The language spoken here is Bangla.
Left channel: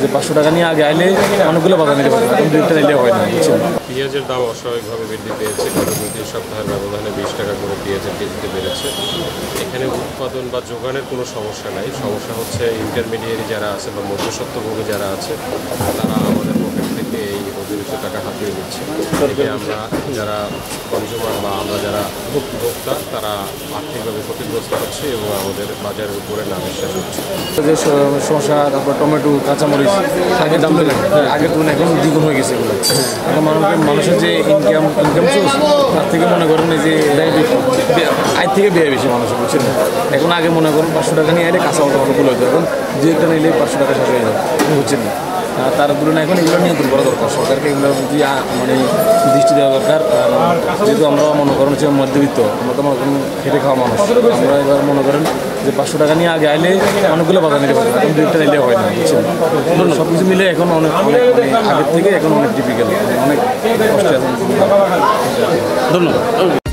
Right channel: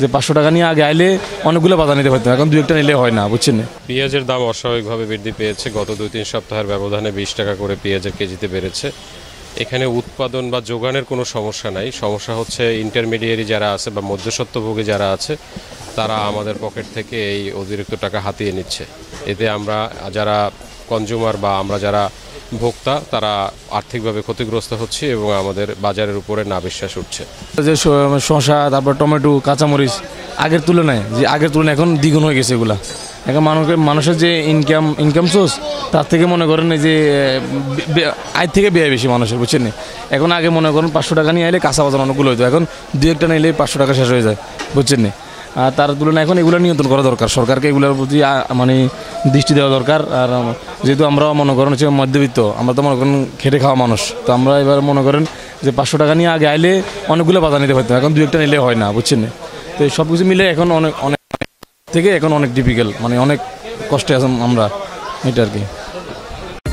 যে 500 টাকা নিয়ে আগে আইলে অনেকগুলো বাজার নিতে পারতো, এখন 2-1টা নিলে হয় না, বুঝছেন। পেঁয়াজের দাম অস্বাভাবিকভাবে বৃদ্ধি পেয়েছে। গত 2-3 সপ্তাহের ব্যবধানে 20 টাকা করে পেঁয়াজের কেজিতে বেড়েছে। এখানে উৎপাদন বা যোগানের কোনো সমস্যা নাই, সমস্যা হচ্ছে ইন্টারমিডিয়েরি যারা আছে বা মধ্যস্বত্বভোগী যারা আছে তারা আমাদের পকেট থেকে এই অতিরিক্ত টাকা হাতিয়ে নিচ্ছে। এতে আমরা যারা কনজিউমার বা আমরা যারা ভোক্তা তারা আর্থিকভাবে ক্ষতিগ্রস্ত হচ্ছে এবং আমাদের বাজারের উপরে নাবিশ্বাস হচ্ছে। যে শসা, তারপর টমেটো, কাঁচামরিচ আগের তুলনায় এখন দ্বিগুণ হয়ে গেছে এগুলা। এখন মানুষের যে ইনকাম সোর্স তার থেকে মনে করেন যে আয় থেকে ব্যয় বেশি মানুষের, বুঝছেন। এখন আগে মনে করেন 500 টাকা নিয়ে এলে কাঁচা বাজার অনুকূল হতো, এখন 2-1টা নিলে 500 টাকা শেষ হয়ে যায়, বুঝছেন না। তার তুলনায় এখন এগুলো নিয়ন্ত্রণ করা দরকার, সরকারকে এগুলোর প্রতি মানে দৃষ্টি দেওয়া দরকার। আর যেহেতু আমরা মনে করেন হচ্ছে মধ্যবিত্ত, আমরা তো মনে করেন খেটে খাওয়া মানুষ, তো আমরা এবার মনে করেন যে 500 টাকা নিয়ে আগে আইলে অনেকগুলো বাজার নিতে পারতো, এখন 2-1টা নিলে হয় না, বুঝছেন। তো সব কিছু মিলে এখন অনেক আগের থেকে এখন অনেক ডিফিকাল্ট, মানে অনেক কষ্টে আছেন আমরা, এটা আর কি। ধন্যবাদ।